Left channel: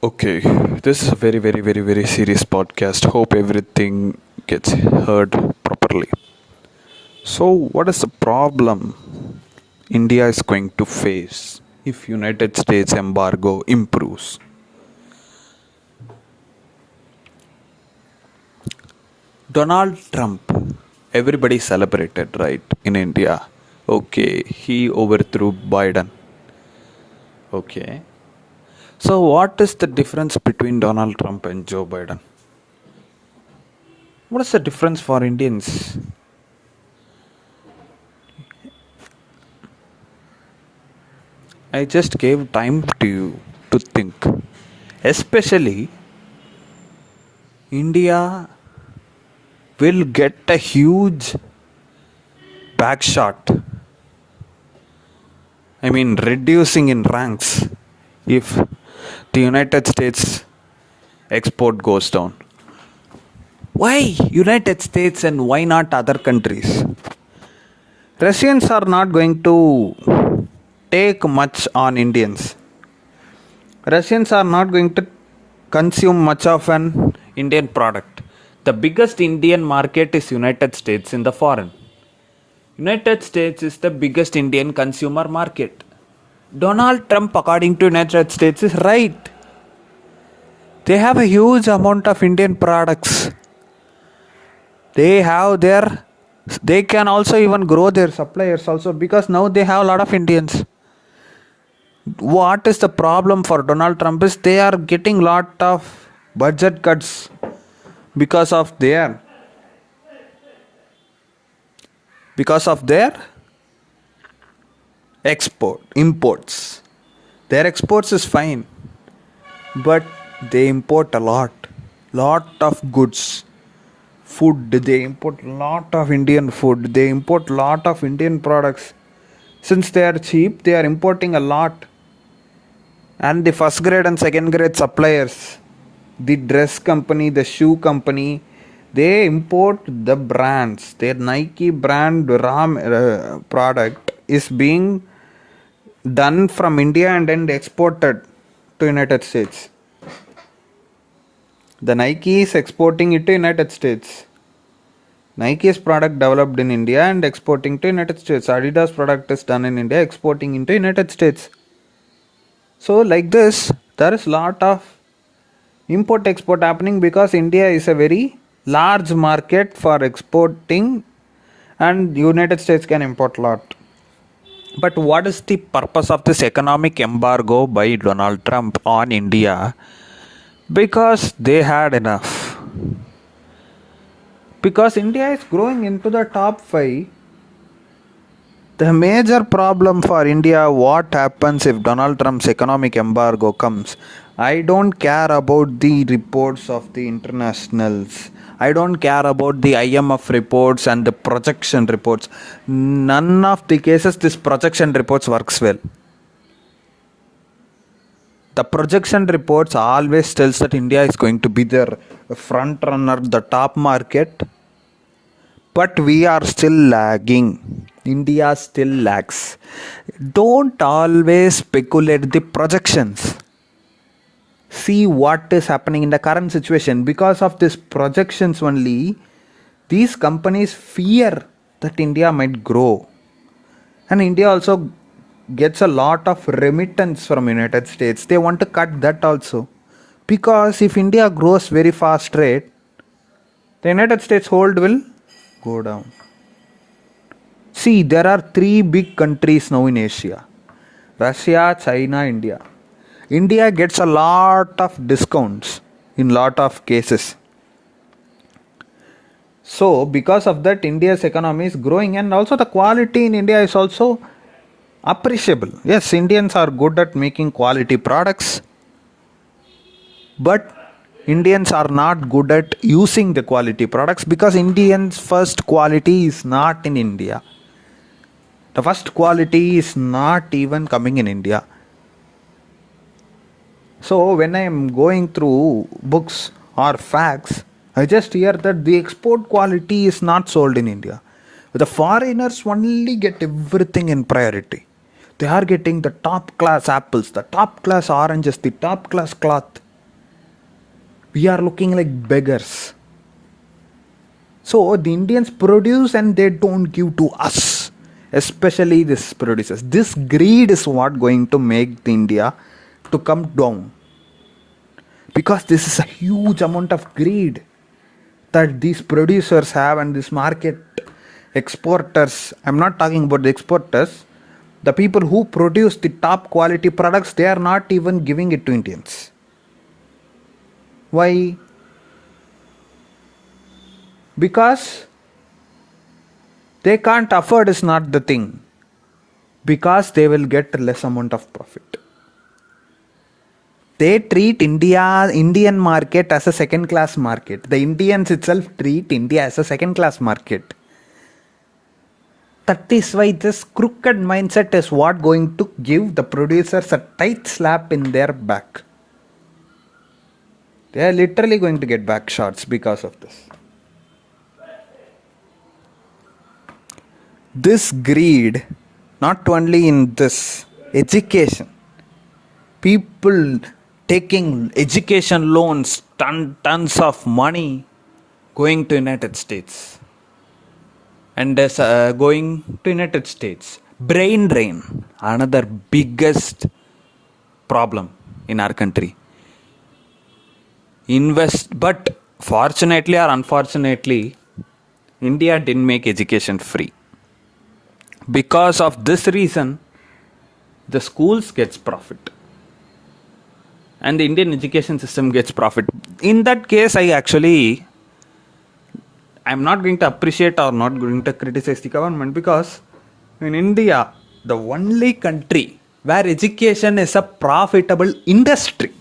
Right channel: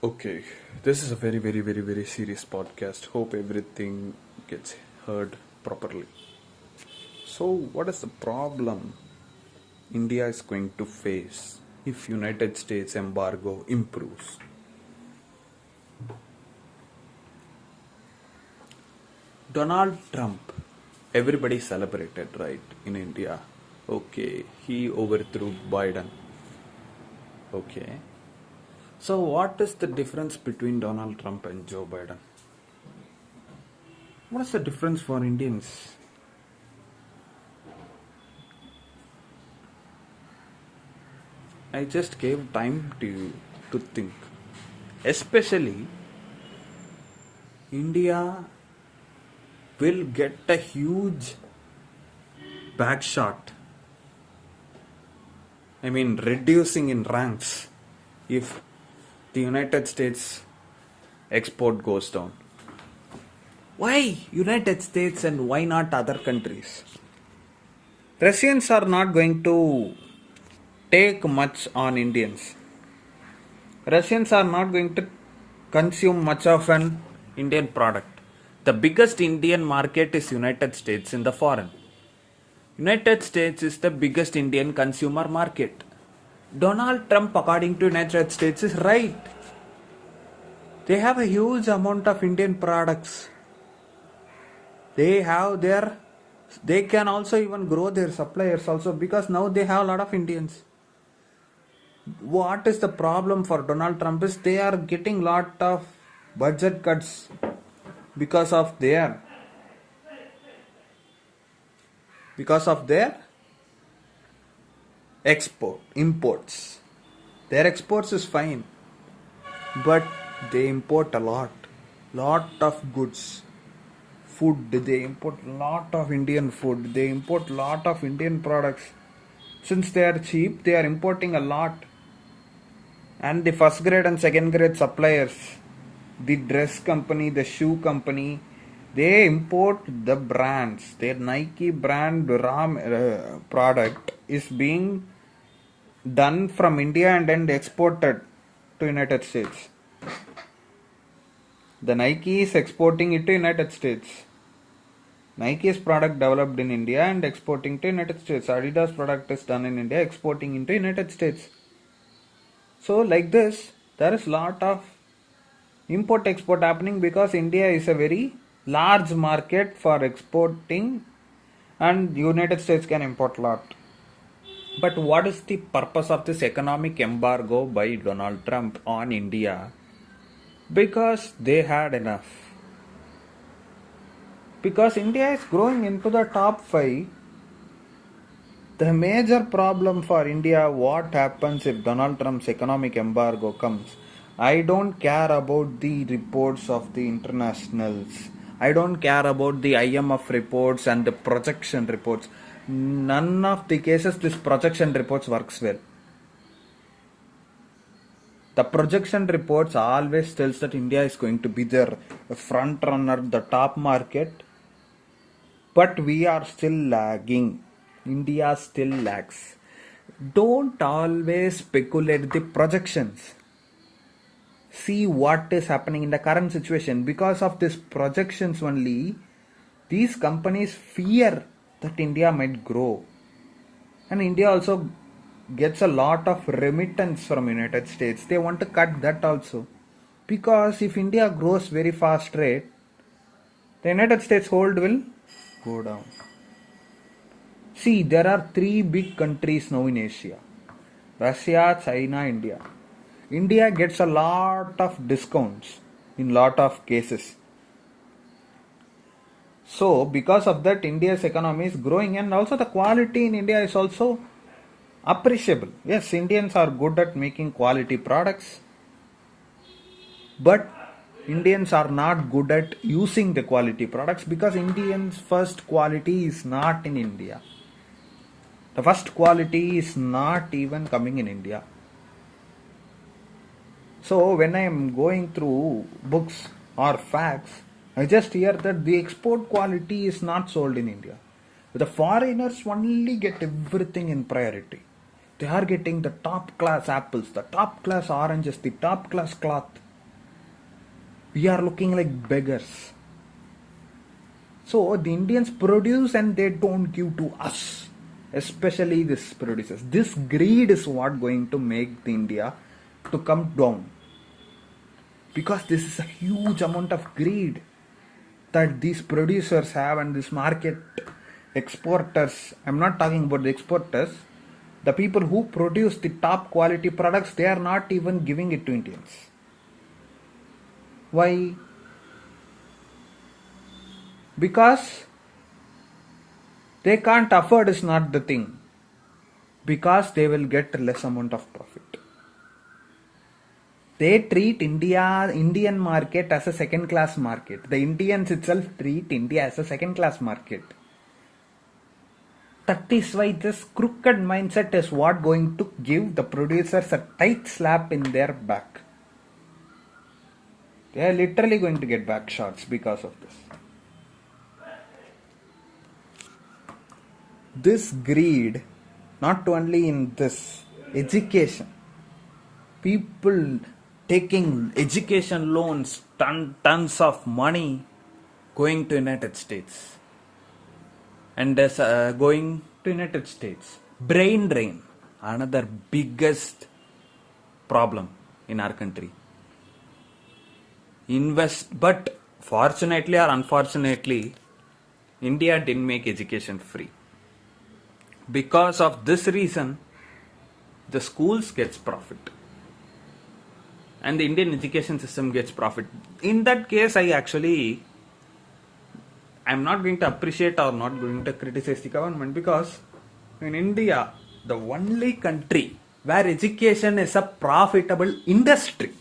Okay, this is a very serious podcast. Hope everything gets heard properly. So, what is the problem India is going to face if United States embargo improves? Donald Trump, everybody celebrated, right, in India. Okay, he overthrew Biden. Okay. So, what is the difference between Donald Trump and Joe Biden? What is the difference for Indians? I just gave time to you to think. Especially, India will get a huge backshot. I mean, reducing in ranks if the United States export goes down. Why United States and why not other countries? Russians are not going to take much on Indians. Russians are not going to consume much of an Indian product. The biggest Indian market is United States in the foreign. United States is the biggest Indian consumer market. Donald Trump, according to United States, is right. They have a huge amount of Indian products. They can also even grow their suppliers also because now they have a lot of Indians. What is the problem for Donald Trump is they are getting lot of budget cuts because of their imports. Their exports is fine, but they import a lot of goods. Food, they import lot of Indian food. They import lot of Indian products. Since they are cheap, they are importing a lot. And the first grade and second grade suppliers, the dress company, the shoe company, they import the brands. Their Nike brand product is being done from India and then exported to United States. The Nike is exporting it to United States. Nike's product developed in India and exporting to United States. Adidas product is done in India, exporting into United States. So like this, there is lot of import export happening because India is a very large market for exporting and United States can import lot. But what is the purpose of this economic embargo by Donald Trump on India? Because they had enough. Because India is growing into the top 5. The major problem for India, what happens if Donald Trump's economic embargo comes? I don't care about the reports of the internationals. I don't care about the IMF reports and the projection reports. None of the cases this projection reports works well. The projection reports always tells that India is going to be the front runner, the top market. But we are still lagging. India still lags. Don't always speculate the projections. See what is happening in the current situation. Because of these projections only, these companies fear that India might grow. And India also gets a lot of remittance from United States. They want to cut that also. Because if India grows very fast rate, the United States hold will go down. See, there are 3 big countries now in Asia: Russia, China, India. India gets a lot of discounts in lot of cases. So, because of that, India's economy is growing and also the quality in India is also appreciable. Yes, Indians are good at making quality products, but Indians are not good at using the quality products because Indians' first quality is not in India. The first quality is not even coming in India. So when I am going through books or facts, I just hear that the export quality is not sold in India. The foreigners only get everything in priority. They are getting the top class apples, the top class oranges, the top class cloth. We are looking like beggars. So the Indians produce and they don't give to us, especially this producers. This greed is what going to make the India to come down, because this is a huge amount of greed that these producers have, and this market exporters. I'm not talking about the exporters. The people who produce the top quality products, they are not even giving it to Indians. Why? Because they can't afford is not the thing. Because they will get less amount of profit. They treat Indian market as a second class market. The Indians itself treat India as a second class market. That is why this crooked mindset is what going to give the producers a tight slap in their back. They are literally going to get back shots because of this. This greed, not only in this education, people taking education loans, tons of money going to United States. And going to United States. Brain drain, another biggest problem in our country. But fortunately or unfortunately, India didn't make education free. Because of this reason, the schools gets profit. And the Indian education system gets profit. In that case, I'm not going to appreciate or not going to criticize the government, because in India, the only country where education is a profitable industry,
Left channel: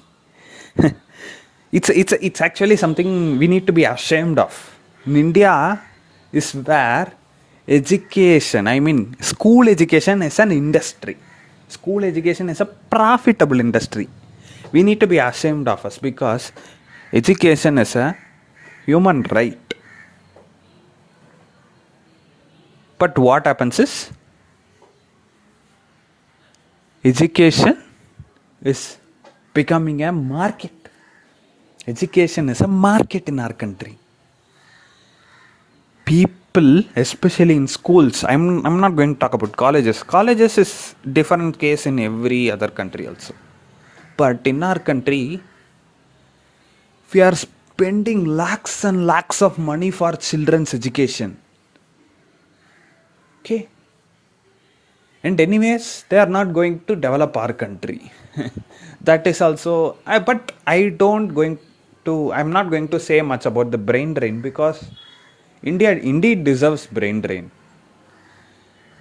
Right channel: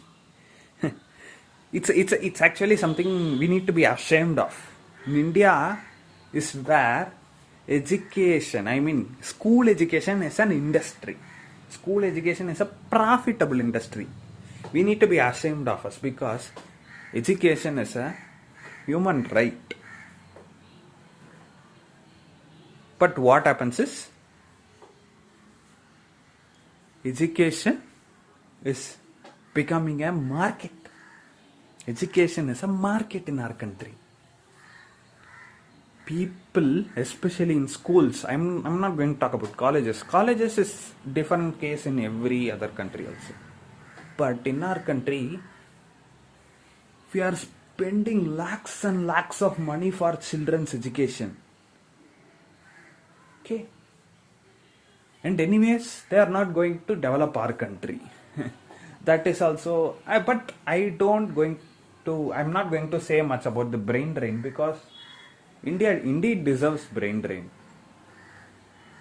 it's actually something we need to be ashamed of. In India is where school education is an industry. School education is a profitable industry. We need to be ashamed of us, because education is a human right. But what happens is, education is becoming a market. Education is a market in our country. People, especially in schools, I'm not going to talk about colleges. Colleges is different case in every other country also. But in our country, we are spending lakhs and lakhs of money for children's education. Okay. And anyways, they are not going to develop our country. That is also, but I'm not going to say much about the brain drain, because India indeed deserves brain drain.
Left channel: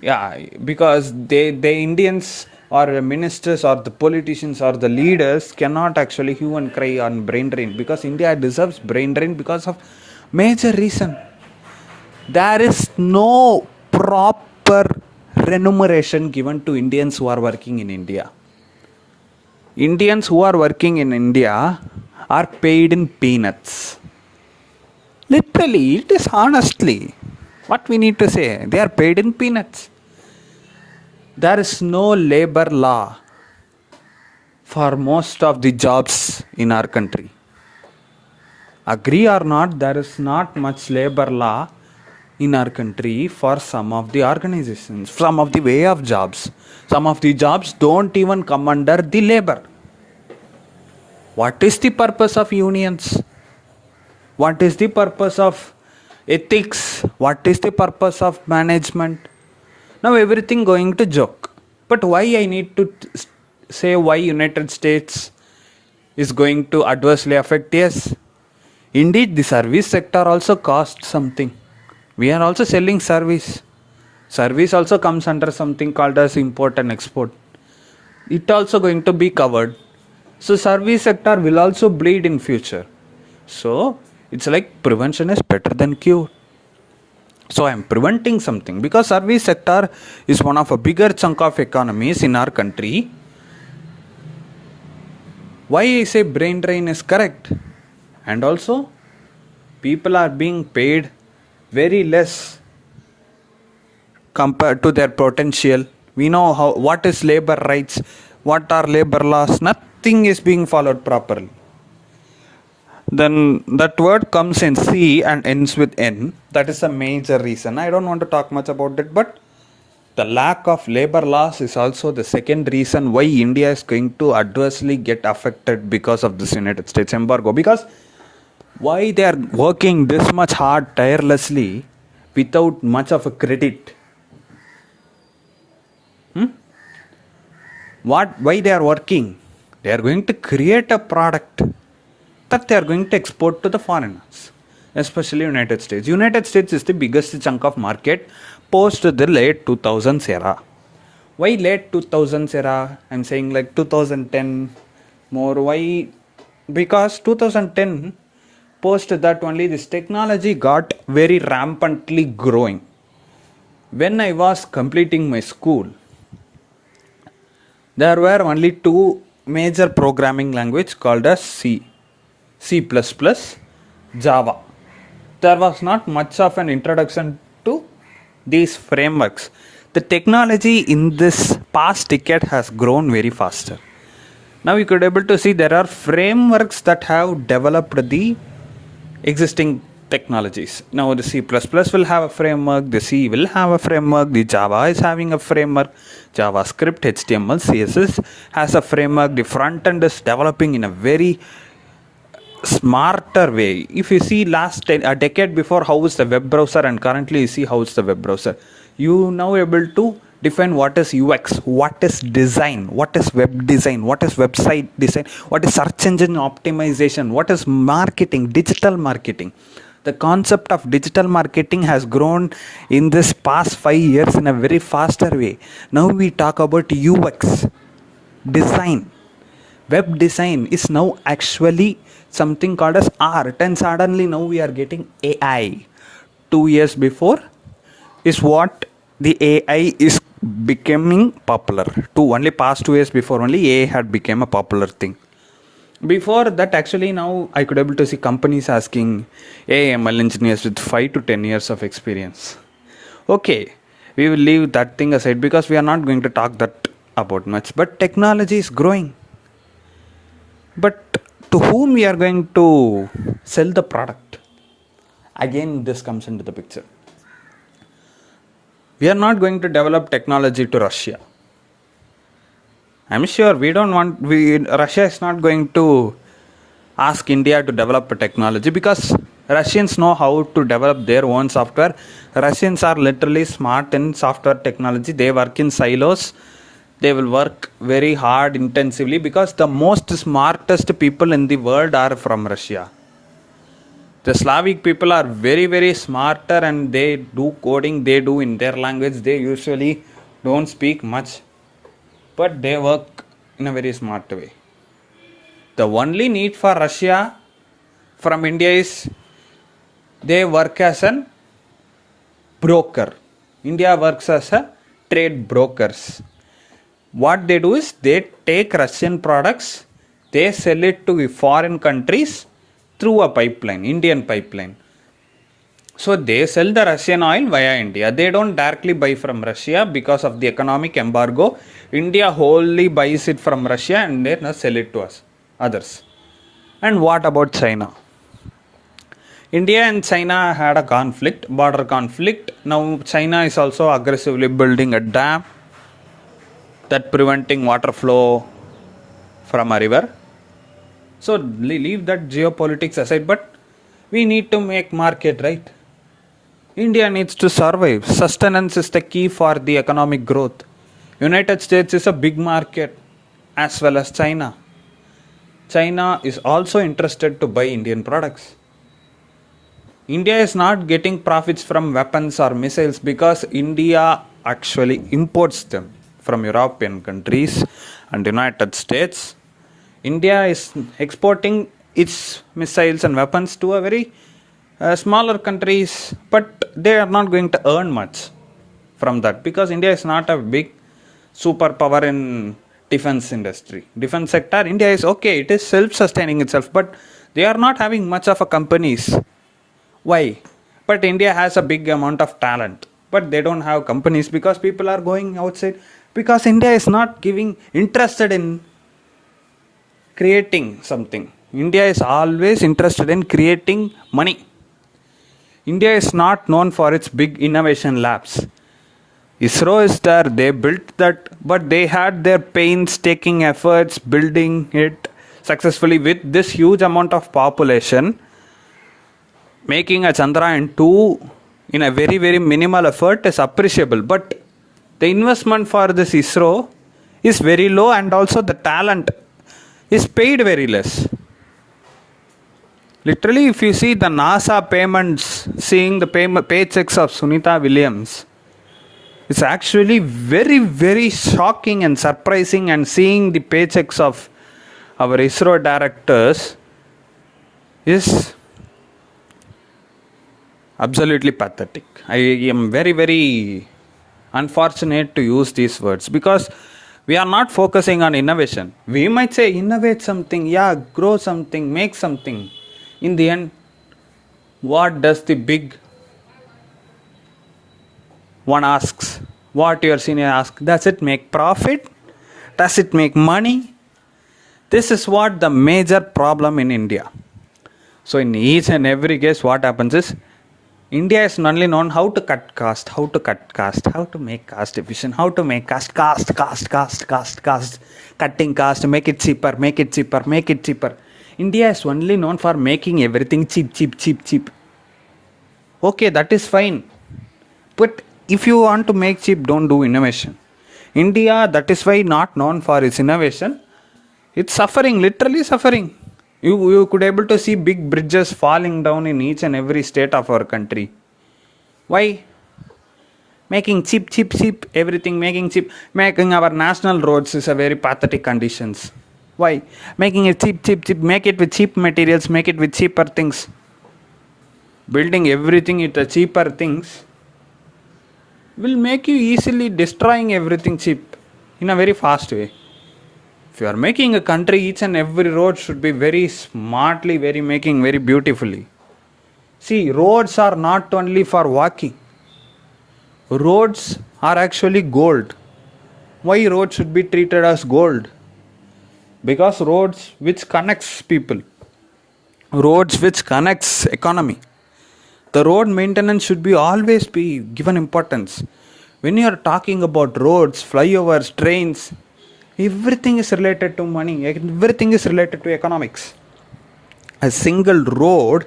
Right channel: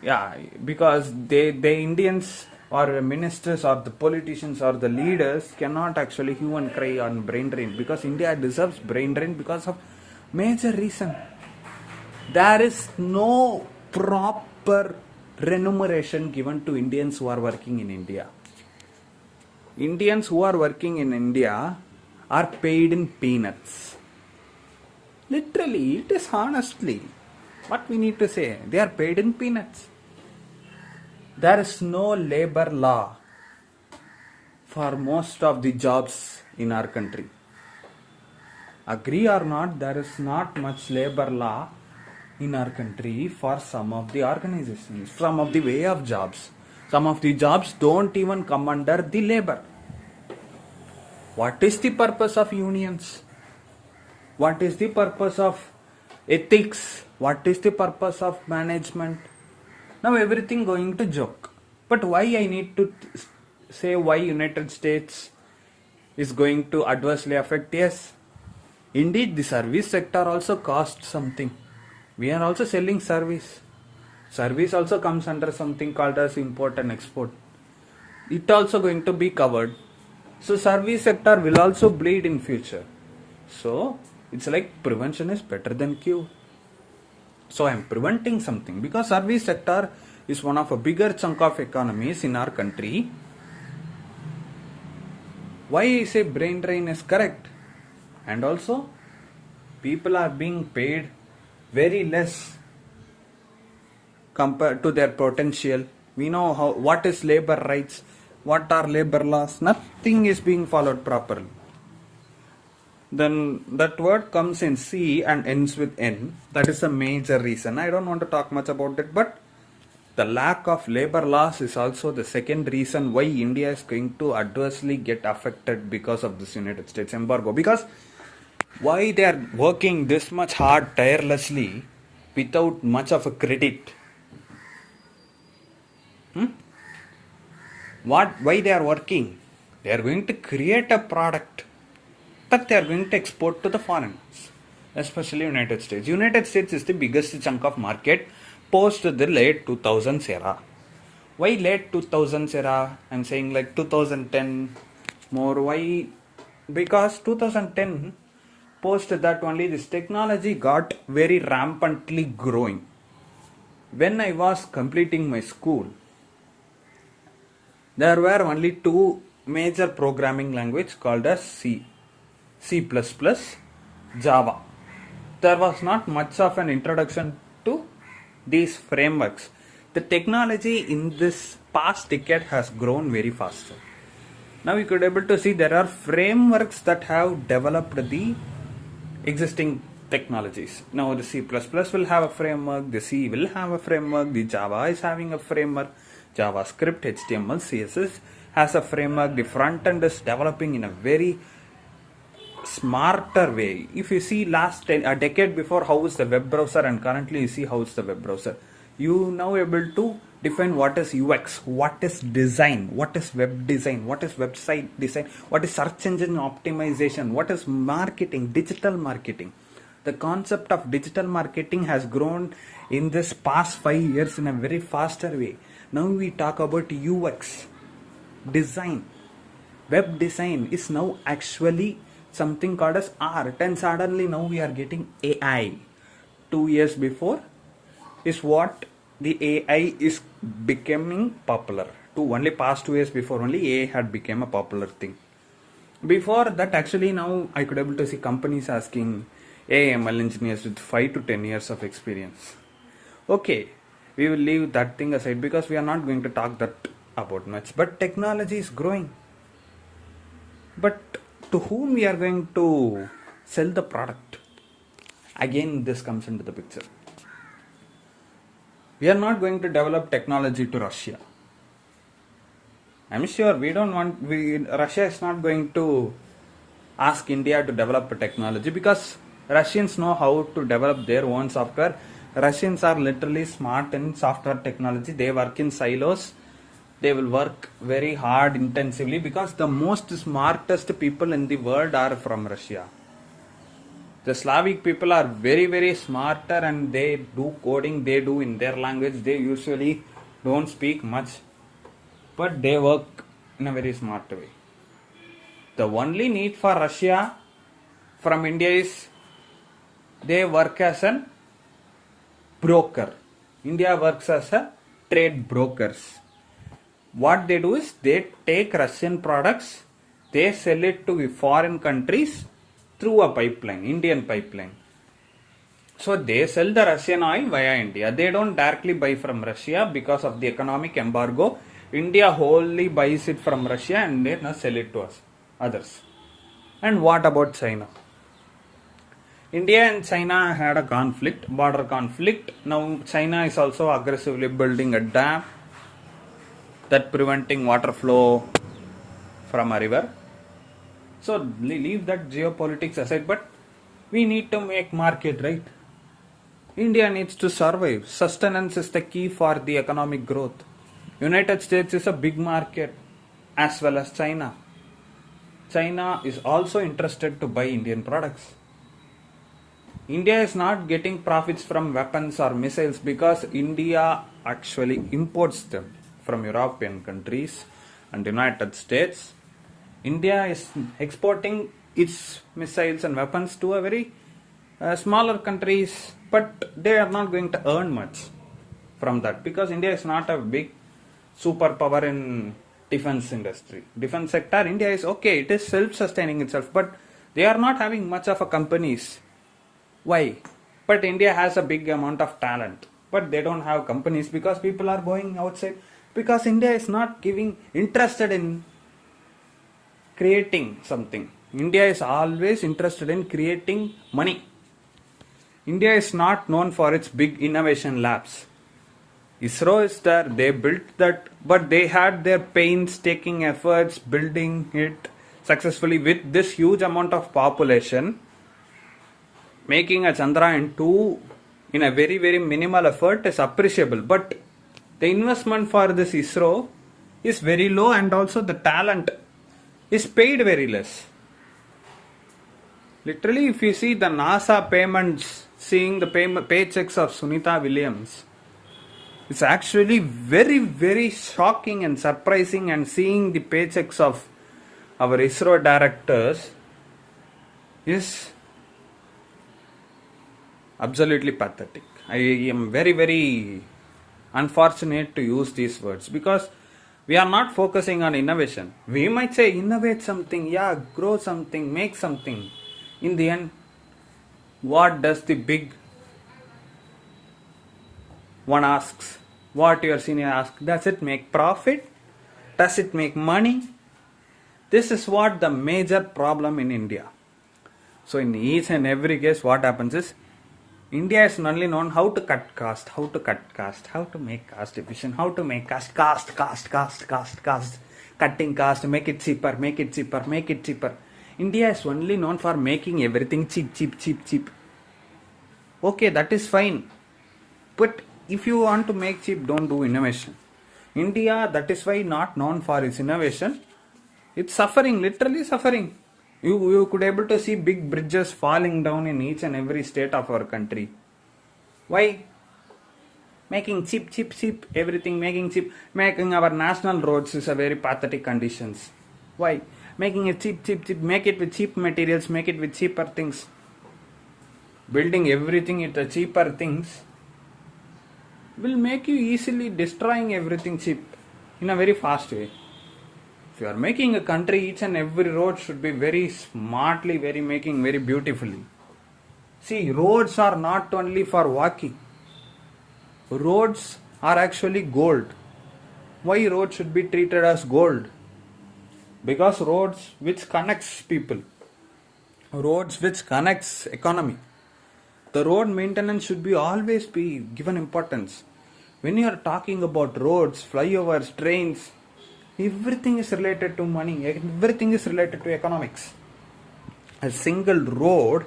Yeah, because the Indians or the ministers or the politicians or the leaders cannot actually hue and cry on brain drain, because India deserves brain drain because of major reason. There is no proper remuneration given to Indians who are working in India. Indians who are working in India are paid in peanuts. Literally, it is honestly what we need to say. They are paid in peanuts. There is no labor law for most of the jobs in our country. Agree or not, there is not much labor law in our country for some of the organizations, some of the way of jobs. Some of the jobs don't even come under the labor. What is the purpose of unions? What is the purpose of ethics? What is the purpose of management? Now everything going to joke. But why I need to say why United States is going to adversely affect? Yes, indeed the service sector also costs something. We are also selling service. Service also comes under something called as import and export. It also going to be covered. So service sector will also bleed in future. So it's like prevention is better than cure. So I am preventing something, because service sector is one of a bigger chunk of economies in our country. Why I say brain drain is correct. And also people are being paid very less compared to their potential. We know what is labor rights, what are labor laws. Nothing is being followed properly. Then that word comes in C and ends with N. That is a major reason. I don't want to talk much about it, but the lack of labor laws is also the second reason why India is going to adversely get affected because of this United States embargo. Because why they are working this much hard tirelessly without much of a credit? Why they are working? They are going to create a product that they are going to export to the foreigners, especially United States. United States is the biggest chunk of market post the late 2000s era. Why late 2000s era? I'm saying like 2010 more. Why? Because 2010 post that only this technology got very rampantly growing. When I was completing my school, there were only two major programming language called as C, C++, Java. There was not much of an introduction to these frameworks. The technology in this past decade has grown very faster. Now you could able to see there are frameworks that have developed the existing technologies. Now the C++ will have a framework, the C will have a framework, the Java is having a framework, JavaScript, HTML, CSS has a framework, the front end is developing in a very smarter way. If you see a decade before how is the web browser and currently you see how is the web browser, you now able to define what is UX, what is design, what is web design, what is website design, what is search engine optimization, what is marketing, digital marketing. The concept of digital marketing has grown in this past 5 years in a very faster way. Now we talk about UX, design. Web design is now actually something called as art, and suddenly now we are getting AI. 2 years before is what the AI is becoming popular. Only past 2 years before only AI had become a popular thing. Before that, actually now I could able to see companies asking AML engineers with 5 to 10 years of experience. Okay, we will leave that thing aside because we are not going to talk that about much. But technology is growing. But to whom we are going to sell the product? Again, this comes into the picture. We are not going to develop technology to Russia. I'm sure Russia is not going to ask India to develop a technology because Russians know how to develop their own software. Russians are literally smart in software technology. They work in silos. They will work very hard intensively because the most smartest people in the world are from Russia. The Slavic people are very, very smarter and they do coding, they do in their language. They usually don't speak much, but they work in a very smart way. The only need for Russia from India is they work as a broker. India works as a trade brokers. What they do is they take Russian products, they sell it to foreign countries through a pipeline, Indian pipeline. So they sell the Russian oil via India. They don't directly buy from Russia because of the economic embargo. India wholly buys it from Russia and then sell it to us, others. And what about China? India and China had a conflict, border conflict. Now China is also aggressively building a dam that preventing water flow from a river. So leave that geopolitics aside, but we need to make market, right? India needs to survive. Sustenance is the key for the economic growth. United States is a big market as well as China. China is also interested to buy Indian products. India is not getting profits from weapons or missiles because India actually imports them from European countries and United States. India is exporting its missiles and weapons to a very smaller countries, but they are not going to earn much from that because India is not a big superpower in defense industry. Defense sector, India is okay, it is self-sustaining itself, but they are not having much of a companies. Why? But India has a big amount of talent, but they don't have companies because people are going outside because India is not interested in creating something. India is always interested in creating money. India is not known for its big innovation labs. ISRO is there, they built that, but they had their painstaking efforts building it successfully with this huge amount of population. Making a Chandrayaan 2 in a very, very minimal effort is appreciable, but the investment for this ISRO is very low, and also the talent is paid very less. Literally, if you see the NASA payments, seeing the paychecks of Sunita Williams, it's actually very, very shocking and surprising, and seeing the paychecks of our ISRO directors is absolutely pathetic. I am very, very unfortunate to use these words because we are not focusing on innovation. We might say innovate something, grow something, make something. In the end, what does the big one asks? What your senior asks? Does it make profit? Does it make money? This is what the major problem in India. So in each and every case, what happens is India is only known how to cut cost, how to make cost efficient, how to make cost, cutting cost, make it cheaper. India is only known for making everything cheap. Okay, that is fine. But if you want to make cheap, don't do innovation. India, that is why not known for its innovation. It's suffering, literally suffering. You could able to see big bridges falling down in each and every state of our country. Why? Making cheap, everything making cheap. Making our national roads is a very pathetic conditions. Why? Making it cheap, make it with cheap materials, make it with cheaper things. Building everything with the cheaper things will make you easily destroying everything cheap in a very fast way. If you are making a country, each and every road should be very smartly, making very beautifully. See, roads are not only for walking. Roads are actually gold. Why roads should be treated as gold? Because roads which connects people. Roads which connects economy. The road maintenance should be always be given importance. When you are talking about roads, flyovers, trains, everything is related to money, everything is related to economics. A single road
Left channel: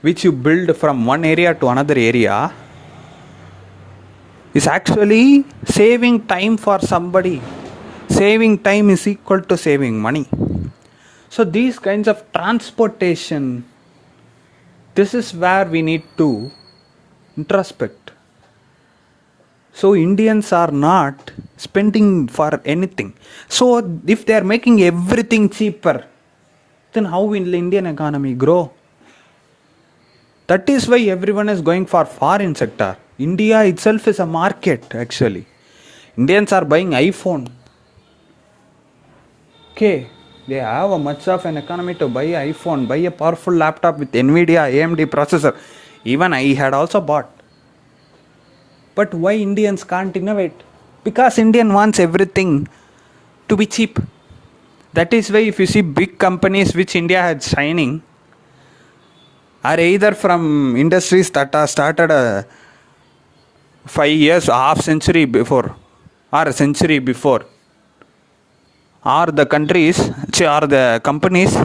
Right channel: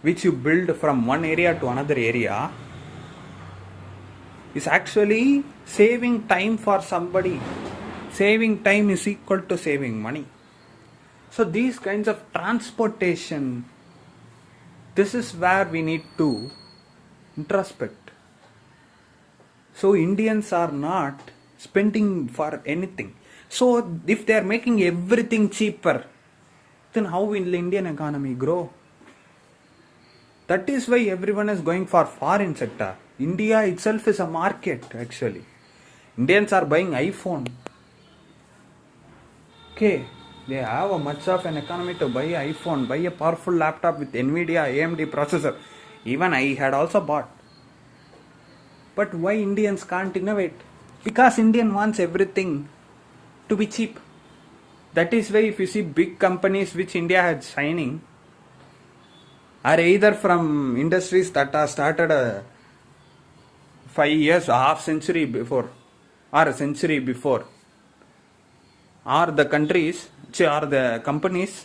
which you build from one area to another area is actually saving time for somebody. Saving time is equal to saving money. So these kinds of transportation, this is where we need to introspect. So Indians are not spending for anything. So if they are making everything cheaper, then how will the Indian economy grow? That is why everyone is going for foreign sector. India itself is a market actually. Indians are buying iPhone. Okay, they have a much of an economy to buy iPhone, buy a powerful laptop with NVIDIA AMD processor. Even I had also bought. But why Indians can't innovate? Because Indian wants everything to be cheap. That is why if you see big companies which India had shining are either from industries that are started 5 years, half century before, or a century before, or the countries, or the companies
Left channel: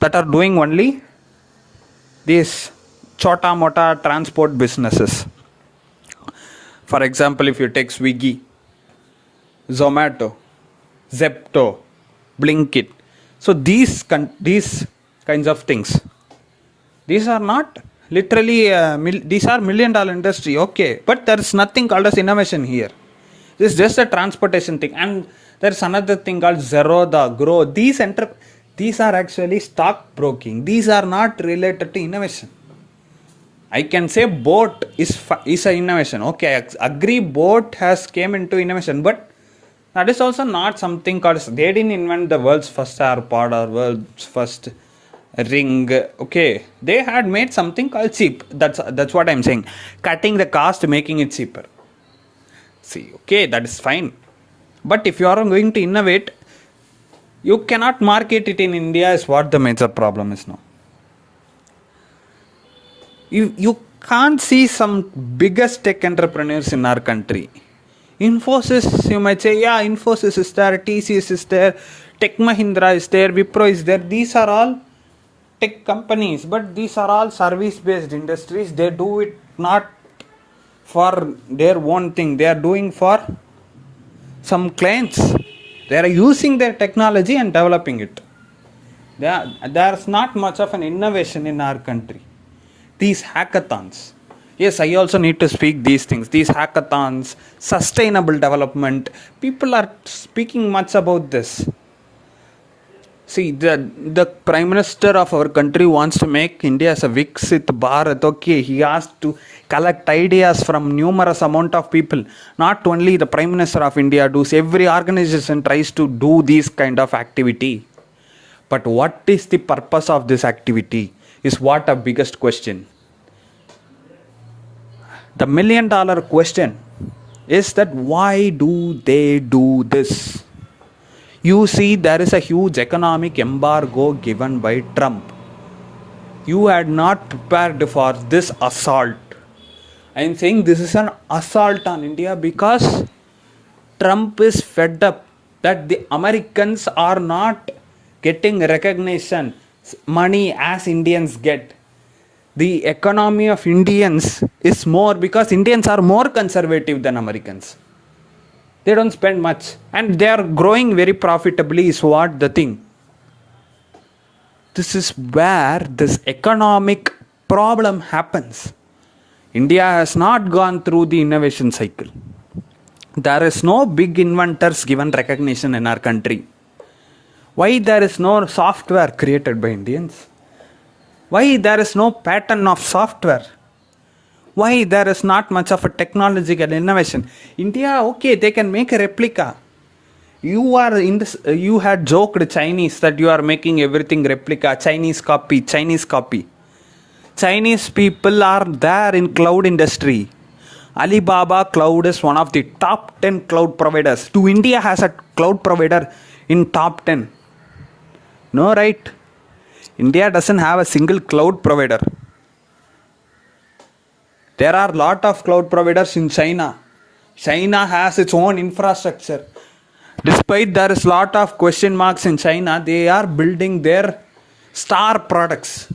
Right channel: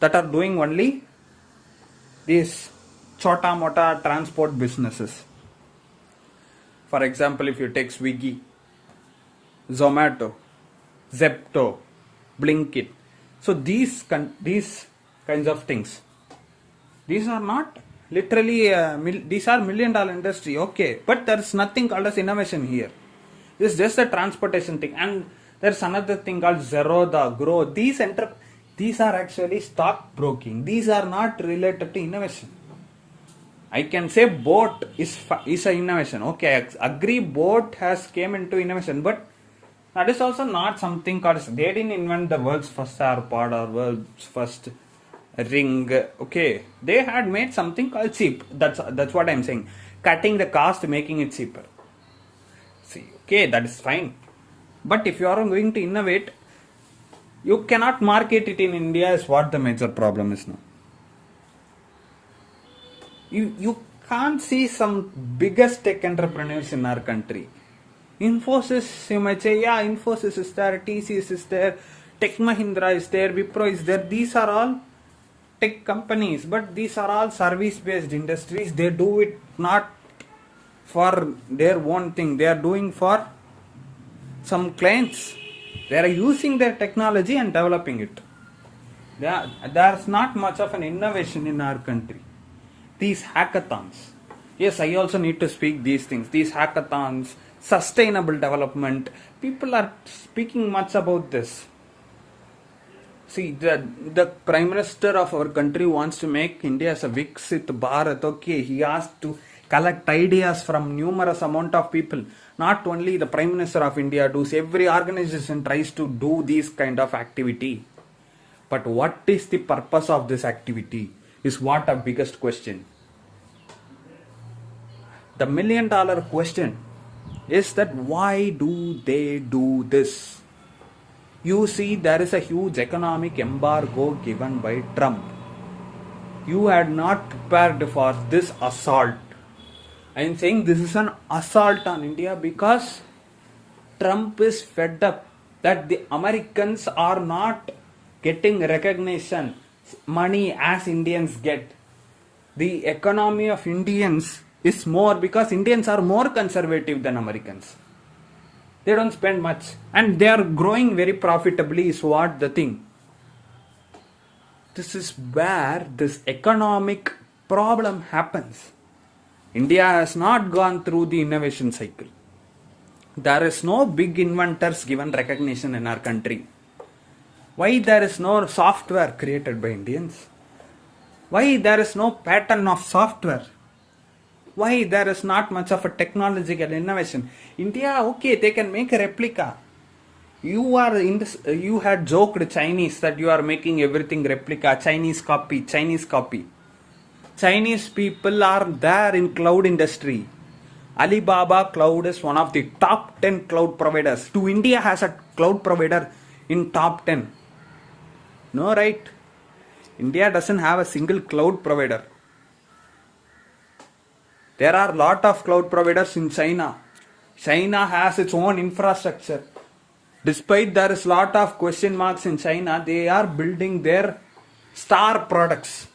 that are doing only these chota mota transport businesses. For example, if you take Swiggy, Zomato, Zepto, Blinkit. So these kinds of things, these are not literally, these are $1 million industry, okay. But there is nothing called as innovation here. This is just a transportation thing. And there is another thing called Zerodha, Grow. These are actually stock broking. These are not related to innovation. I can say boat is an innovation. Okay, I agree boat has came into innovation, but that is also not something called, they didn't invent the world's first AirPod or world's first ring. Okay, they had made something called cheap. That's what I'm saying. Cutting the cost, making it cheaper. See, okay, that is fine. But if you are going to innovate, You cannot market it in India is what the major problem is now. You can't see some biggest tech entrepreneurs in our country. Infosys, you might say, yeah, Infosys is there, TCS is there, Tech Mahindra is there, Wipro is there. These are all tech companies, but these are all service based industries. They do it not for their own thing, they are doing for some clients. They are using their technology and developing it. There's not much of an innovation in our country. These hackathons, yes, I also need to speak these things. These hackathons, sustainable development, people are speaking much about this. See, the Prime Minister of our country wants to make India as a Viksit Bharat. Okay, he has to collect ideas from numerous amount of people. Not only the Prime Minister of India does, every organization tries to do this kind of activity. But what is the purpose of this activity is what a biggest question. The $1 million question is that why do they do this? You see, there is a huge economic embargo given by Trump. You had not prepared for this assault. I am saying this is an assault on India because Trump is fed up that the Americans are not getting recognition, money as Indians get. The economy of Indians is more because Indians are more conservative than Americans. They don't spend much and they are growing very profitably is what the thing. This is where this economic problem happens. India has not gone through the innovation cycle. There is no big inventors given recognition in our country. Why there is no software created by Indians? Why there is no pattern of software? Why there is not much of a technological innovation? India, okay, they can make a replica. You had joked Chinese that you are making everything replica, Chinese copy. Chinese people are there in cloud industry. Alibaba Cloud is one of the top 10 cloud providers. Do India has a cloud provider in top 10? No, right? India doesn't have a single cloud provider. There are a lot of cloud providers in China. China has its own infrastructure. Despite there is a lot of question marks in China, they are building their star products.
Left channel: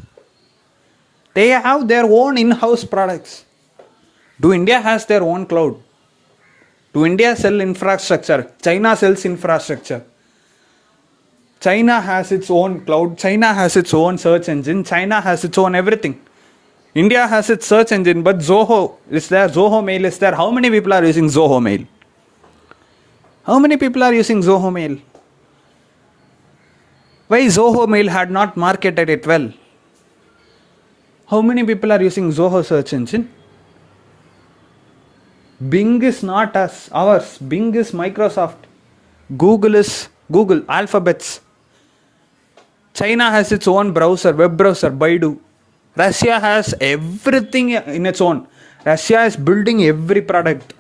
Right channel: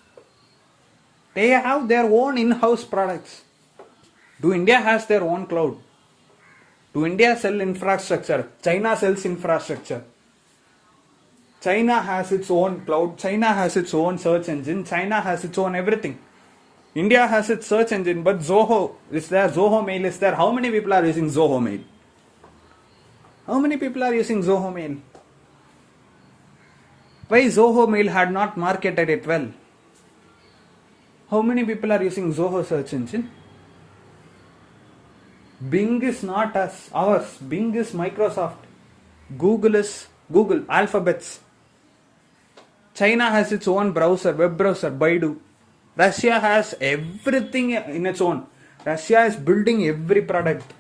They have their own in-house products. Do India has their own cloud? Do India sell infrastructure? China sells infrastructure. China has its own cloud. China has its own search engine. China has its own everything. India has its search engine, but Zoho is there. Zoho Mail is there. How many people are using Zoho Mail? How many people are using Zoho Mail? Why Zoho Mail had not marketed it well? How many people are using Zoho search engine? Bing is not ours. Bing is Microsoft. Google is Google, Alphabets. China has its own browser, web browser, Baidu. Russia has everything in its own. Russia is building every product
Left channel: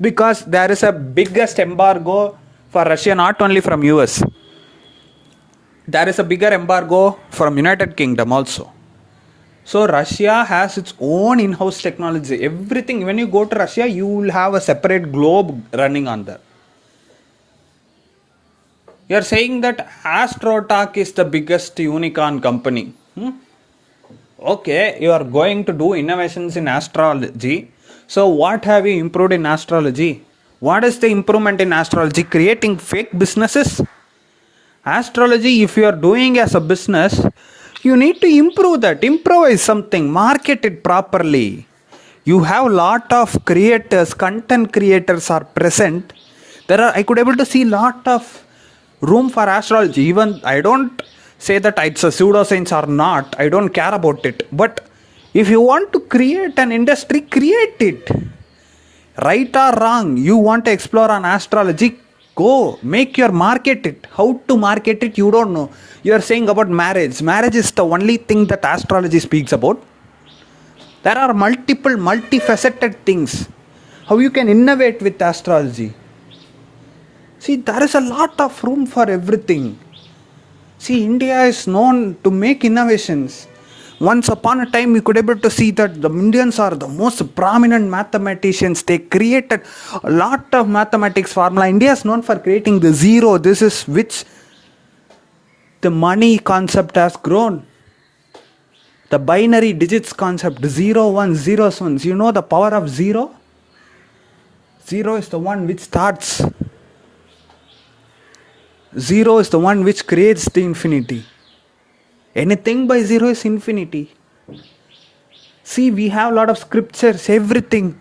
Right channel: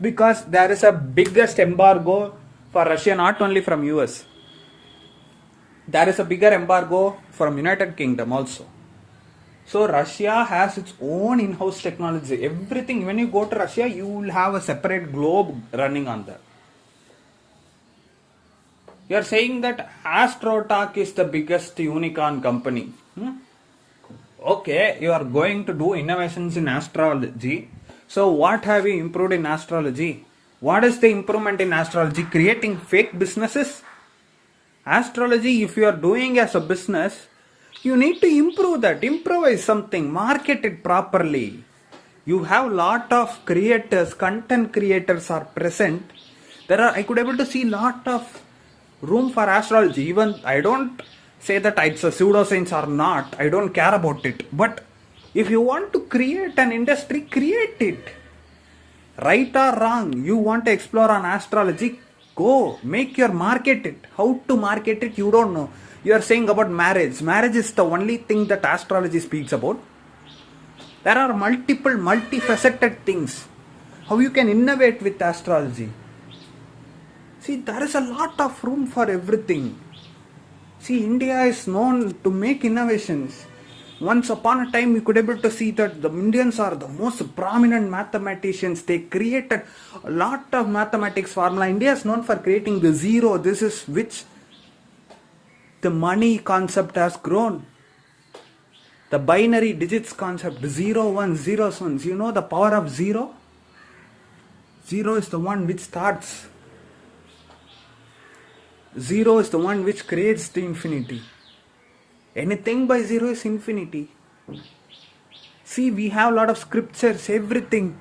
because there is a biggest embargo for Russia, not only from US. There is a bigger embargo from United Kingdom also. So Russia has its own in-house technology. Everything, when you go to Russia, you will have a separate globe running on there. You are saying that AstroTalk is the biggest unicorn company. Okay, you are going to do innovations in astrology. So what have you improved in astrology? What is the improvement in astrology? Creating fake businesses? Astrology, if you are doing as a business, you need to improve that. Improvise something. Market it properly. You have a lot of creators, content creators are present. I could able to see lot of room for astrology. Even I don't say that it's a pseudoscience or not. I don't care about it. But if you want to create an industry, create it. Right or wrong, you want to explore on astrology, go make your market it. How to market it, you don't know. You are saying about marriage. Marriage is the only thing that astrology speaks about. There are multifaceted things. How you can innovate with astrology. See, there is a lot of room for everything. See, India is known to make innovations. Once upon a time, you could able to see that the Indians are the most prominent mathematicians. They created a lot of mathematics formula. India is known for creating the zero. This is which the money concept has grown. The binary digits concept, 0, 1, 0, 1. You know the power of 0? 0 is the one which starts. 0 is the one which creates the infinity. Anything by 0 is infinity. See, we have a lot of scriptures, everything.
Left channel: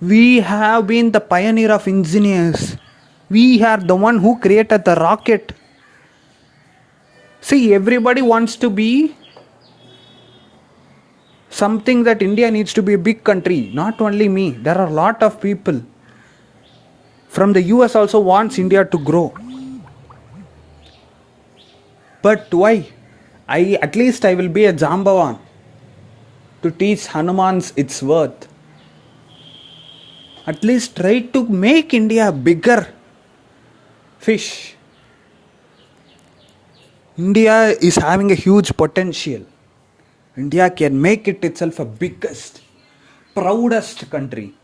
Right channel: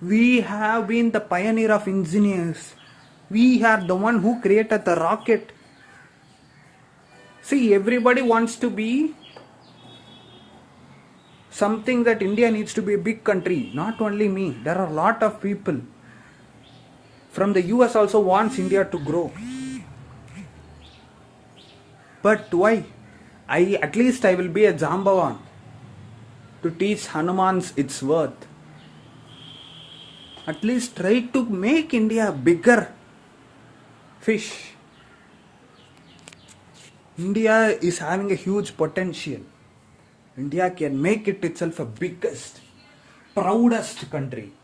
We have been the pioneer of engineers. We are the one who created the rocket. See, everybody wants to be something that India needs to be a big country. Not only me. There are a lot of people. From the US also wants India to grow. But why? At least I will be a Jambavan to teach Hanumans its worth. At least try to make India a bigger fish. India is having a huge potential. India can make it itself a biggest, proudest country.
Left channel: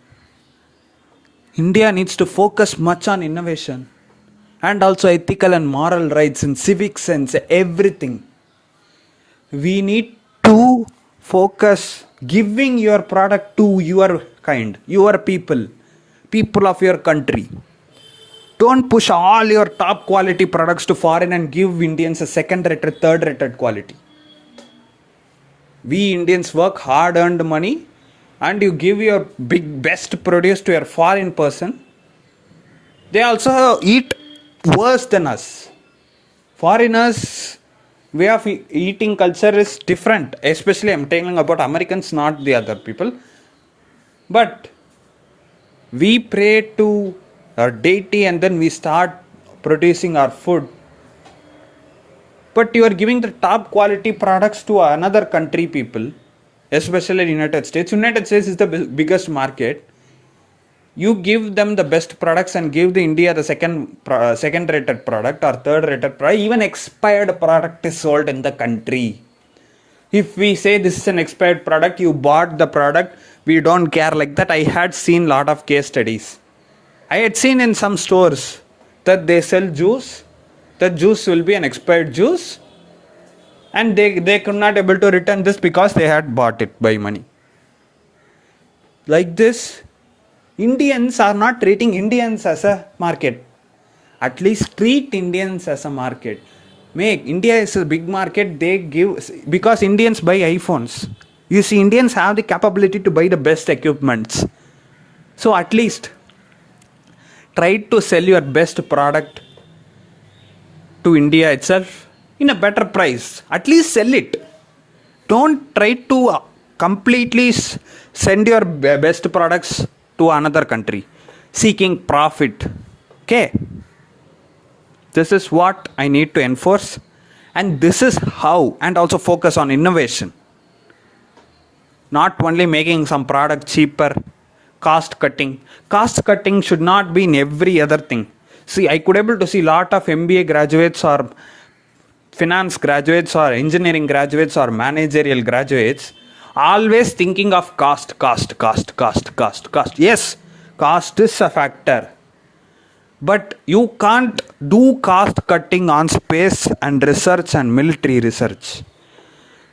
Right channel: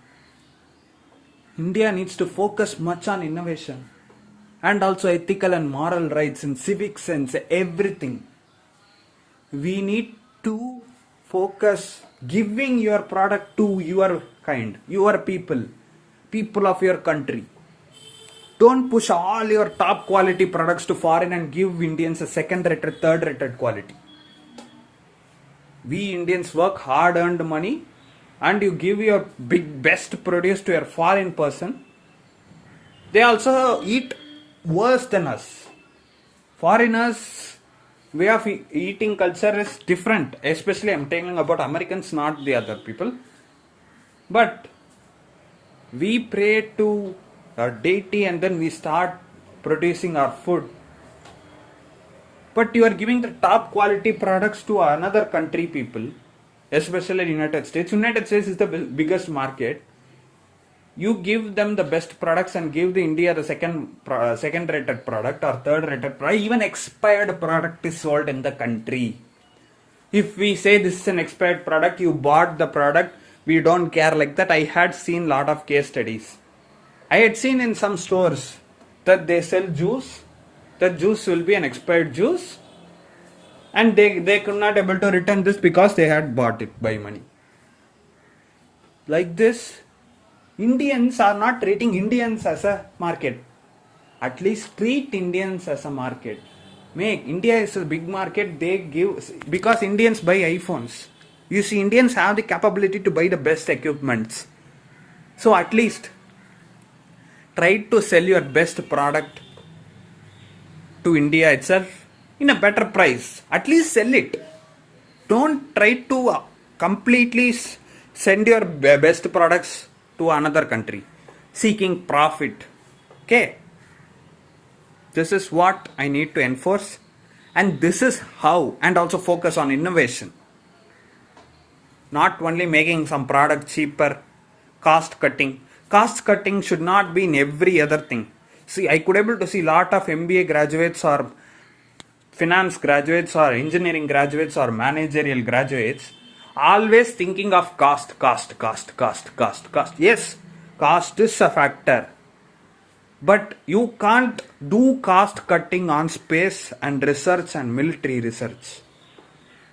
India needs to focus much on innovation and also ethical and moral rights and civic sense, everything. We need to focus giving your product to your kind, your people of your country. Don't push all your top quality products to foreign and give Indians a second rated, third rated quality. We Indians work hard earned money and you give your best produce to your foreign person. They also eat worse than us. Foreigners' way of eating culture is different. Especially I'm telling about Americans, not the other people. But we pray to our deity and then we start producing our food. But you are giving the top quality products to another country people, especially United States. United States is the biggest market. You give them the best products and give the India the second rated product or third rated product. Even expired product is sold in the country. If we say this is an expired product, you bought the product, we don't care like that. I had seen lot of case studies. I had seen in some stores that they sell juice. That juice will be an expired juice. And they could not able to return this because they had bought it by money. Like this, Indians are not treating Indians as a market. At least treat Indians as a market. India is a big market. They give, because Indians buy iPhones. You see, Indians have the capability to buy the best equipments. So at least try to sell your best product to India itself in a better price. At least sell it. Don't try to completely send your best products to another country seeking profit. Okay. This is what I need to enforce, and this is how, and also focus on innovation. Not only making some product cheaper, cost cutting. Cost cutting should not be in every other thing. See, I could able to see lot of MBA graduates or finance graduates or engineering graduates or managerial graduates always thinking of cost. Yes, cost is a factor. But you can't do cost cutting on space and research and military research.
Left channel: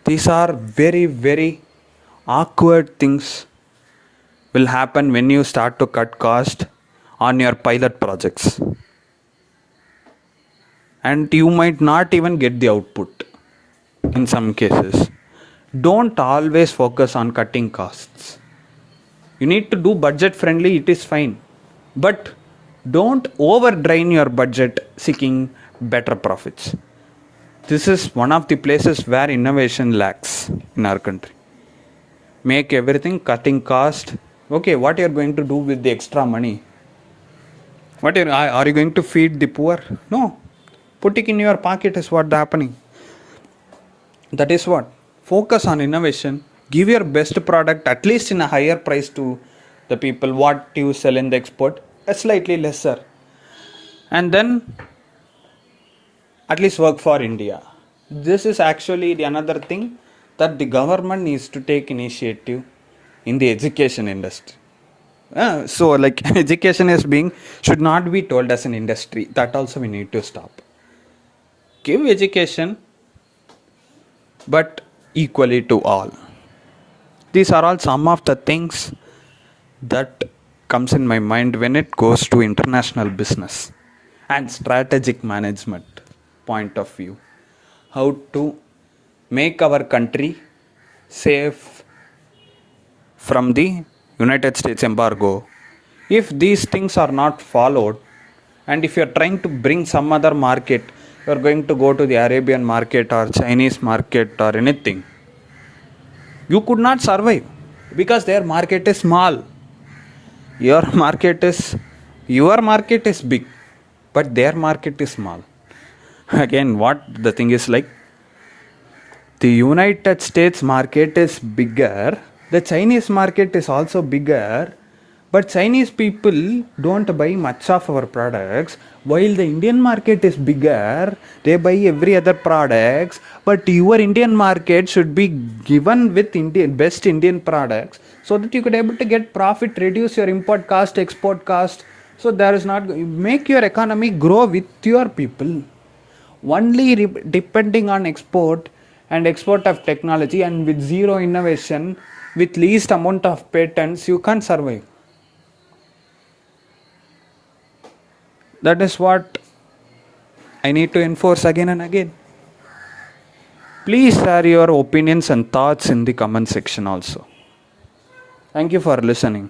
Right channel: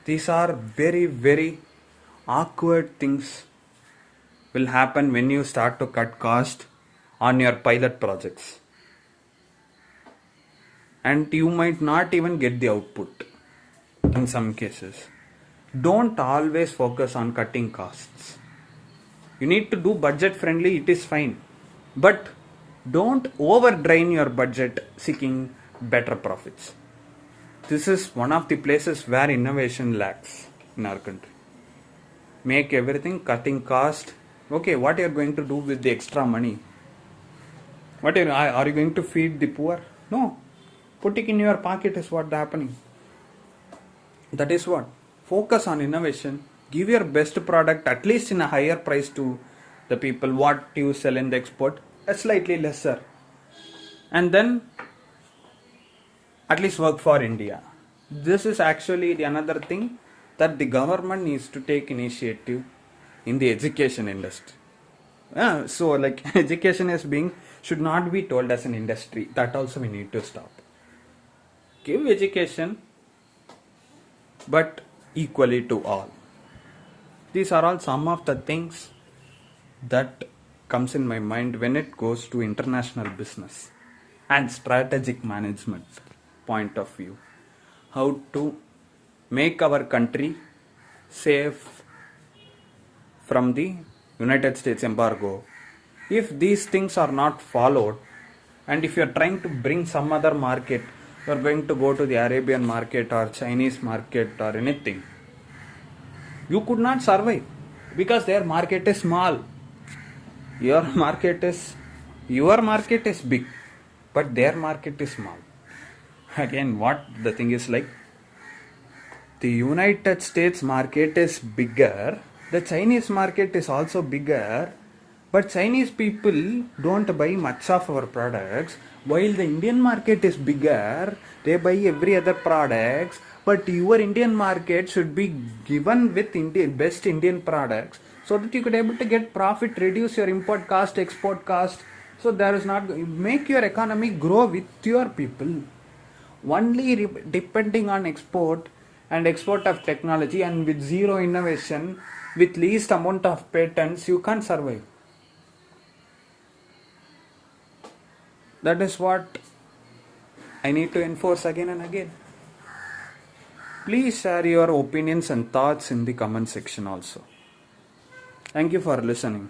These are very, very awkward things will happen when you start to cut cost on your pilot projects. And you might not even get the output in some cases. Don't always focus on cutting costs. You need to do budget friendly, it is fine. But don't over drain your budget seeking better profits. This is one of the places where innovation lacks in our country. Make everything cutting cost. Okay, what you are going to do with the extra money? Are you going to feed the poor? No. Put it in your pocket is what's happening. That is what. Focus on innovation. Give your best product at least in a higher price to the people. What you sell in the export, a slightly lesser. And then at least work for India. This is actually the another thing that the government needs to take initiative in the education industry. So like education is being should not be told as an industry. That also we need to stop. Give education, but equally to all. These are all some of the things that comes in my mind when it goes to international business and strategic management point of view. How to make our country safe from the United States embargo. If these things are not followed, and if you are trying to bring some other market, you are going to go to the Arabian market or Chinese market or anything, you could not survive because their market is small. Your market is big, but their market is small. Again, what the thing is like, the United States market is bigger, the Chinese market is also bigger, but Chinese people don't buy much of our products, while the Indian market is bigger, they buy every other products, but your Indian market should be given with best Indian products so that you could able to get profit, reduce your import cost, export cost. So there is not, make your economy grow with your people. Only depending on export and export of technology and with zero innovation, with least amount of patents, you can't survive. That is what I need to enforce again and again. Please share your opinions and thoughts in the comment section also. Thank you for listening.